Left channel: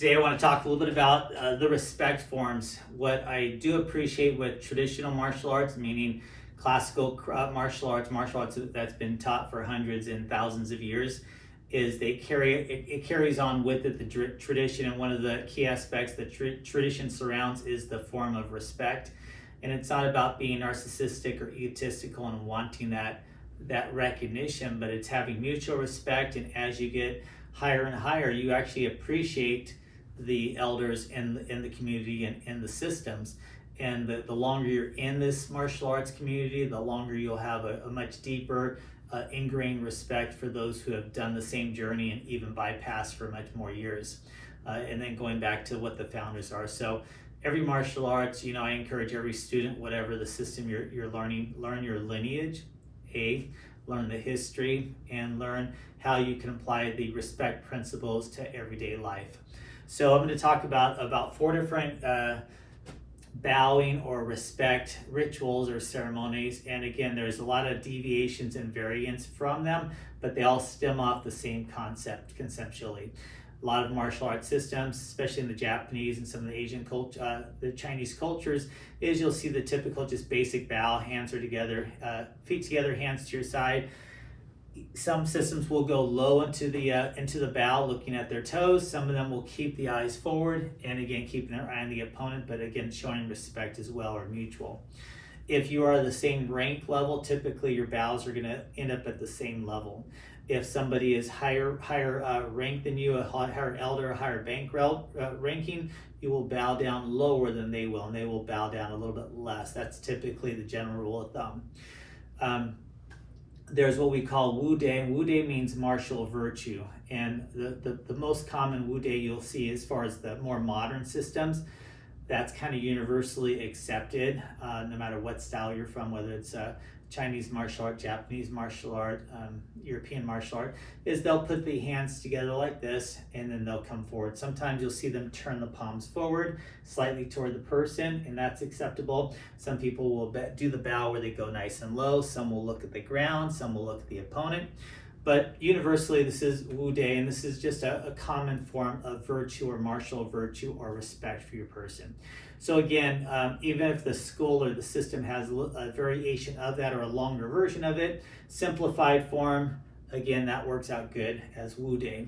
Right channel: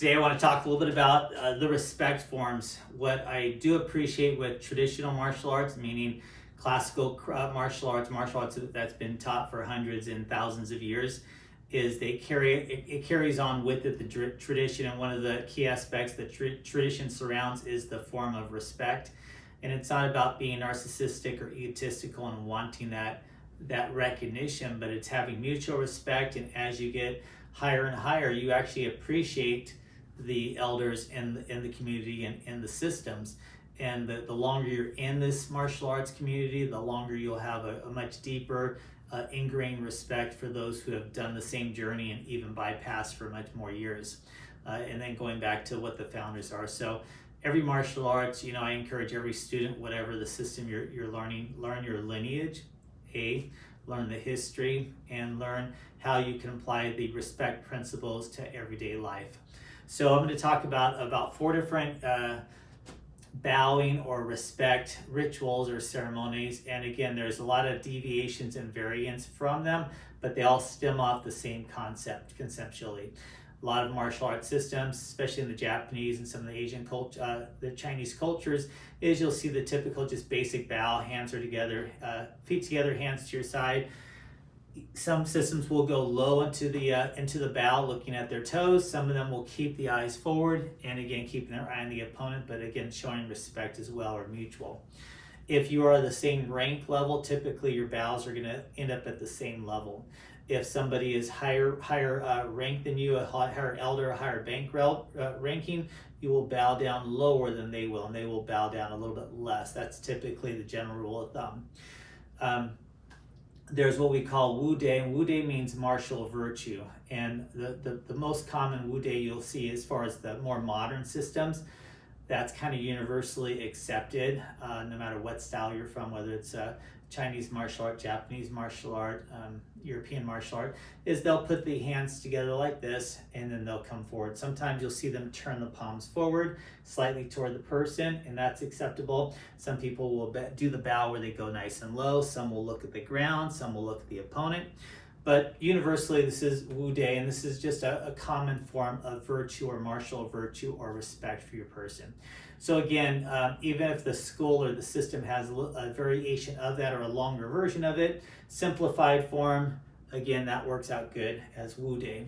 Today I want to talk a little bit about the respect forms. What I do appreciate with traditional martial arts, meaning classical martial arts that's been taught for hundreds and thousands of years, is it carries on with it the tradition, and one of the key aspects that tradition surrounds is the form of respect. And it's not about being narcissistic or egotistical and wanting that recognition, but it's having mutual respect. And as you get higher and higher, you actually appreciate the elders in the community and in the systems. And the longer you're in this martial arts community, the longer you'll have a much deeper ingrained respect for those who have done the same journey and even bypassed for much more years. And then going back to what the founders are. So every martial arts, I encourage every student, whatever the system you're learning, learn your lineage, learn the history, and learn how you can apply the respect principles to everyday life. So I'm going to talk about 4 different bowing or respect rituals or ceremonies. And again, there's a lot of deviations and variants from them, but they all stem off the same concept conceptually. A lot of martial arts systems, especially in the Japanese and some of the Asian culture, the Chinese cultures, is you'll see the typical just basic bow, hands are together, feet together, hands to your side. Some systems will go low into the bow, looking at their toes. Some of them will keep the eyes forward, and again, keeping their eye on the opponent, but again, showing respect as well, or mutual. If you are the same rank level, typically your bows are going to end up at the same level. If somebody is higher rank than you, a higher elder, a higher ranking, you will bow down lower than they will, and they will bow down a little bit less. That's typically the general rule of thumb. There's what we call Wu Dei. Wu Dei means martial virtue, and the most common Wu Dei you'll see as far as the more modern systems, that's kind of universally accepted, no matter what style you're from, whether it's Chinese martial art, Japanese martial art, European martial art, is they'll put the hands together like this, and then they'll come forward. Sometimes you'll see them turn the palms forward slightly toward the person, and that's acceptable. Some people will do the bow where they go nice and low. Some will look at the ground. Some will look at the opponent. But universally, this is Wu Dei, and this is just a common form of virtue or martial virtue or respect for your person. So again, even if the school or the system has a variation of that or a longer version of it, simplified form, again, that works out good as Wu Dei.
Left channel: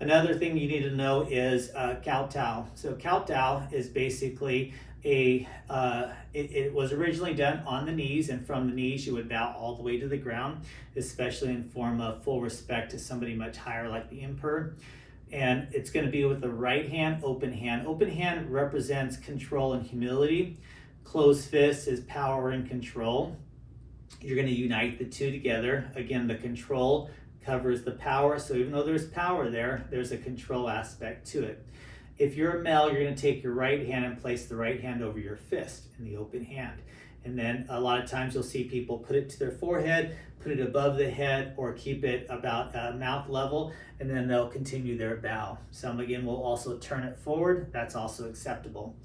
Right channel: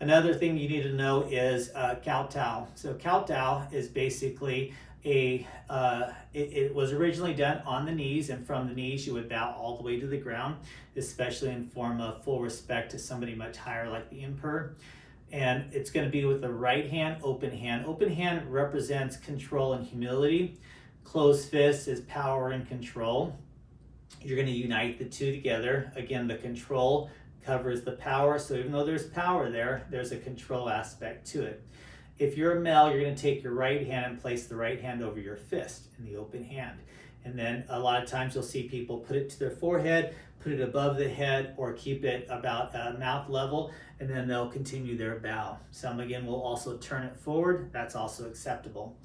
Another thing you need to know is Kowtow. So Kowtow is basically it was originally done on the knees, and from the knees you would bow all the way to the ground, especially in form of full respect to somebody much higher like the emperor. And it's going to be with the right hand, open hand. Open hand represents control and humility. Closed fist is power and control. You're going to unite the two together. Again, the control covers the power. So even though there's power there, there's a control aspect to it. If you're a male, you're going to take your right hand and place the right hand over your fist in the open hand. And then a lot of times you'll see people put it to their forehead, put it above the head, or keep it about mouth level, and then they'll continue their bow. Some again will also turn it forward. That's also acceptable.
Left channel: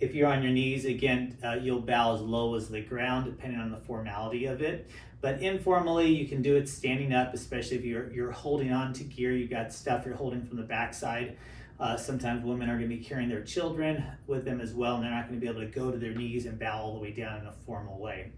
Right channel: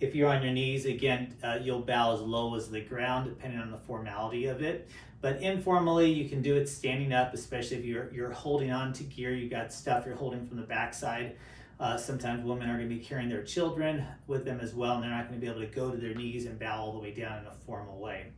If you're on your knees, again, you'll bow as low as the ground, depending on the formality of it. But informally, you can do it standing up, especially if you're holding on to gear. You've got stuff you're holding from the backside. Sometimes women are going to be carrying their children with them as well, and they're not going to be able to go to their knees and bow all the way down in a formal way.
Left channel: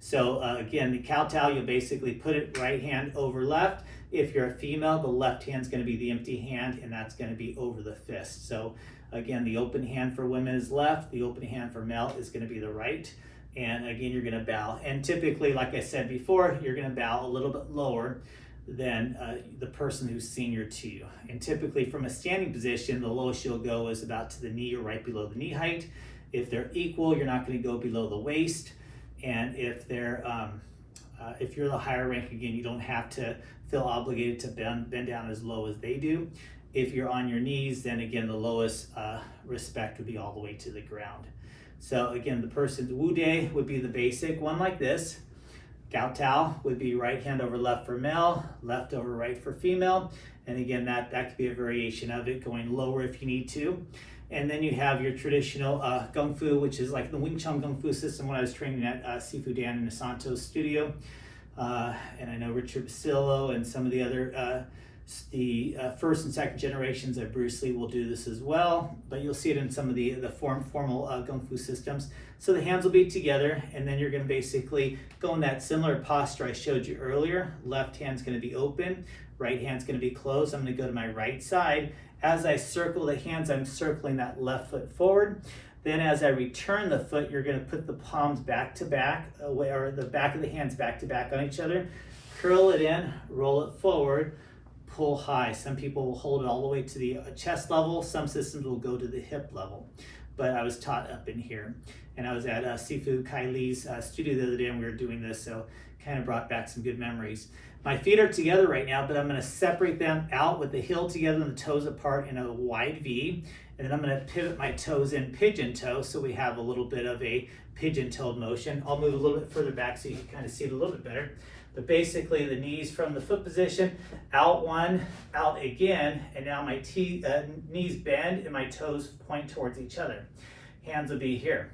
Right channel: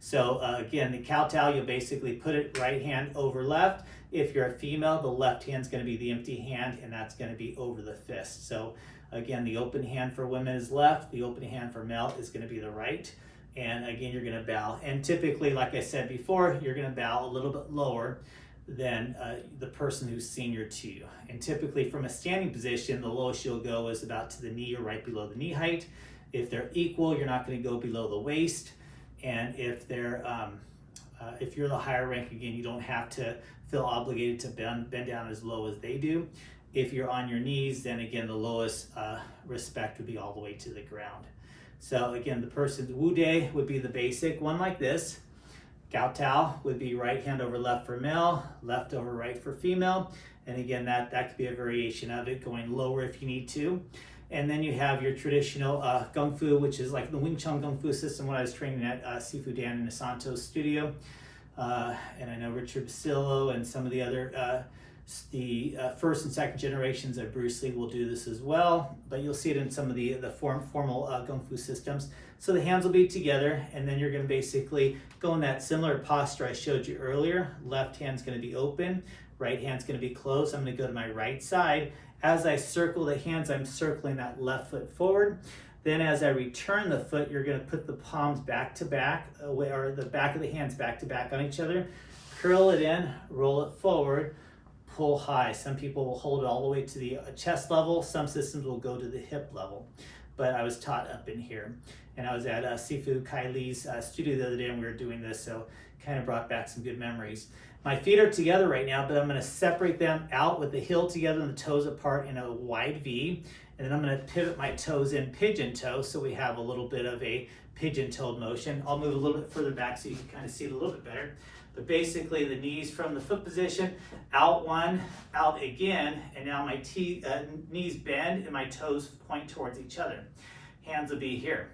So again, the Kowtow, you'll basically put it right hand over left. If you're a female, the left hand's going to be the empty hand, and that's going to be over the fist. So again, the open hand for women is left. The open hand for male is going to be the right. And again, you're going to bow. And typically, like I said before, you're going to bow a little bit lower than the person who's senior to you. And typically from a standing position, the lowest you'll go is about to the knee or right below the knee height. If they're equal, you're not going to go below the waist. And if you're the higher rank, again, you don't have to feel obligated to bend down as low as they do. If you're on your knees, then again, the lowest respect would be all the way to the ground. So again, the person's Wu Dei would be the basic one like this. Kowtow would be right hand over left for male, left over right for female. And again, that could be a variation of it, going lower if you need to. And then you have your traditional Gung Fu, which is like the Wing Chun Gung Fu system when I was training at Sifu Dan Inosanto's studio. And I know Richard Basillo and some of the other The first and second generations of Bruce Lee will do this as well, but you'll see it in some of the formal Kung Fu systems. So the hands will be together, and then you're going to basically go in that similar posture I showed you earlier. Left hand's going to be open, right hand's going to be closed. I'm going to go to my right side. As I circle the hands, I'm circling that left foot forward. Then as I return the foot, you're going to put the palms back to back, or the back of the hands back to back on each other. Curl it in, roll it forward, pull high. Some people will hold it all the way to the chest level. Some systems will go to the hip level. But I was taught up in here. And I was at Sifu Kai Lee's studio the other day, and we were doing this, so kind of brought back some good memories. My feet are together right now, but I'm going to separate them out with the heel together and the toes apart in a wide V. And then I'm going to pivot my toes in pigeon toe, so we have a little bit of a pigeon-toed motion. I'll move a little bit further back so you can kind of see it a little bit better. But basically the knees from the foot position, out one, out again, and now my knees bend and my toes point towards each other. Hands will be here.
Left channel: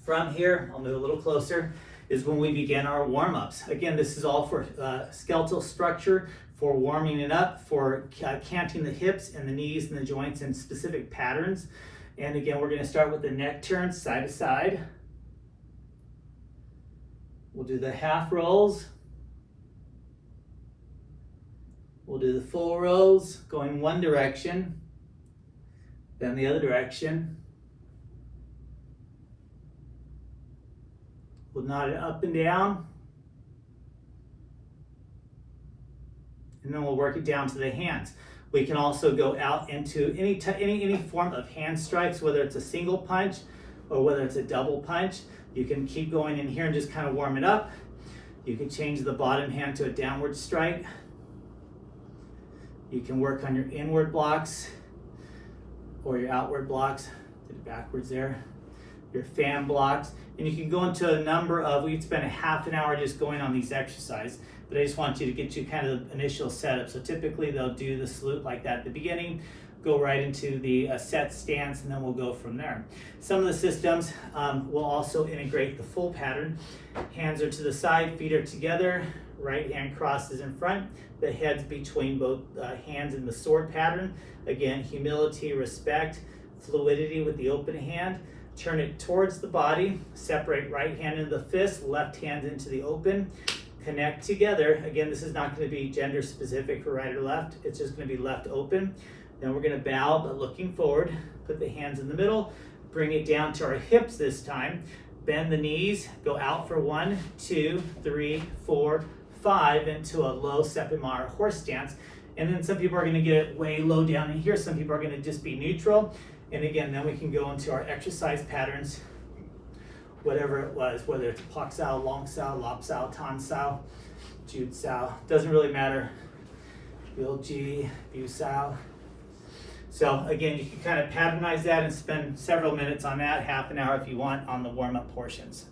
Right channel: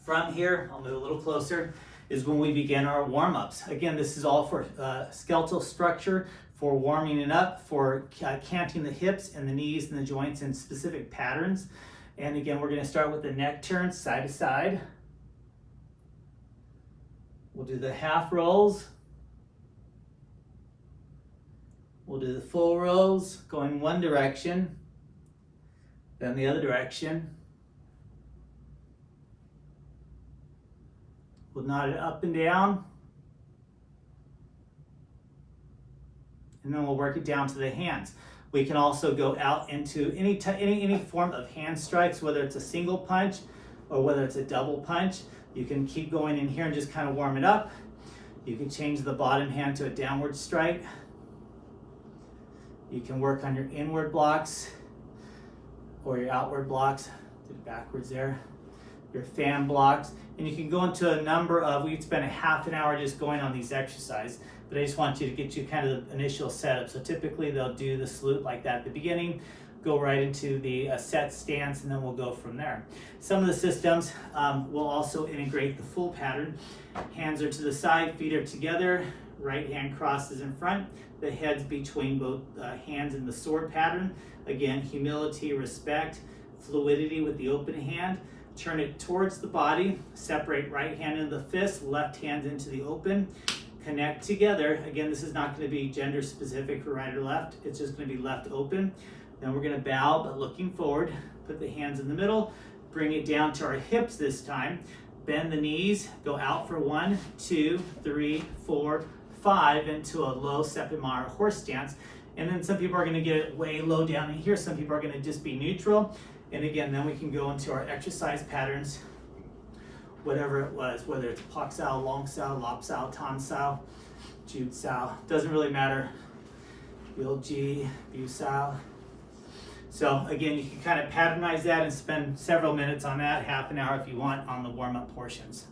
From here, I'll move a little closer, is when we begin our warm-ups. Again, this is all for skeletal structure, for warming it up, for canting the hips and the knees and the joints in specific patterns. And again, we're gonna start with the neck turn side to side. We'll do the half rolls. We'll do the full rolls, going one direction, then the other direction. We'll nod it up and down. And then we'll work it down to the hands. We can also go out into any form of hand strikes, whether it's a single punch or whether it's a double punch. You can keep going in here and just kind of warm it up. You can change the bottom hand to a downward strike. You can work on your inward blocks or your outward blocks. Did it backwards there. Your fan blocks. And you can go into a number of, we'd spend a half an hour just going on these exercises, but I just want you to get you kind of the initial setup. So typically they'll do the salute like that at the beginning, go right into the set stance, and then we'll go from there. Some of the systems will also integrate the full pattern. Hands are to the side, feet are together, right hand crosses in front, the head's between both hands in the sword pattern. Again, humility, respect, fluidity with the open hand. Turn it towards the body, separate right hand into the fist, left hand into the open, connect together. Again, this is not going to be gender specific for right or left, it's just going to be left open. Then we're going to bow, but looking forward, put the hands in the middle, bring it down to our hips this time, bend the knees, go out for 1, 2, 3, 4, 5 into a low Seppemar horse stance. And then some people are going to get it way low down in here, some people are going to just be neutral. And again, then we can go into our exercise patterns, whatever it was, whether it's Pak Sao, Long Sao, Lop Sao, Tan Sao, Jude Sao, doesn't really matter. Bil Ji, Bu Sao. So again, you can kind of patternize that and spend several minutes on that, half an hour if you want, on the warm-up portions.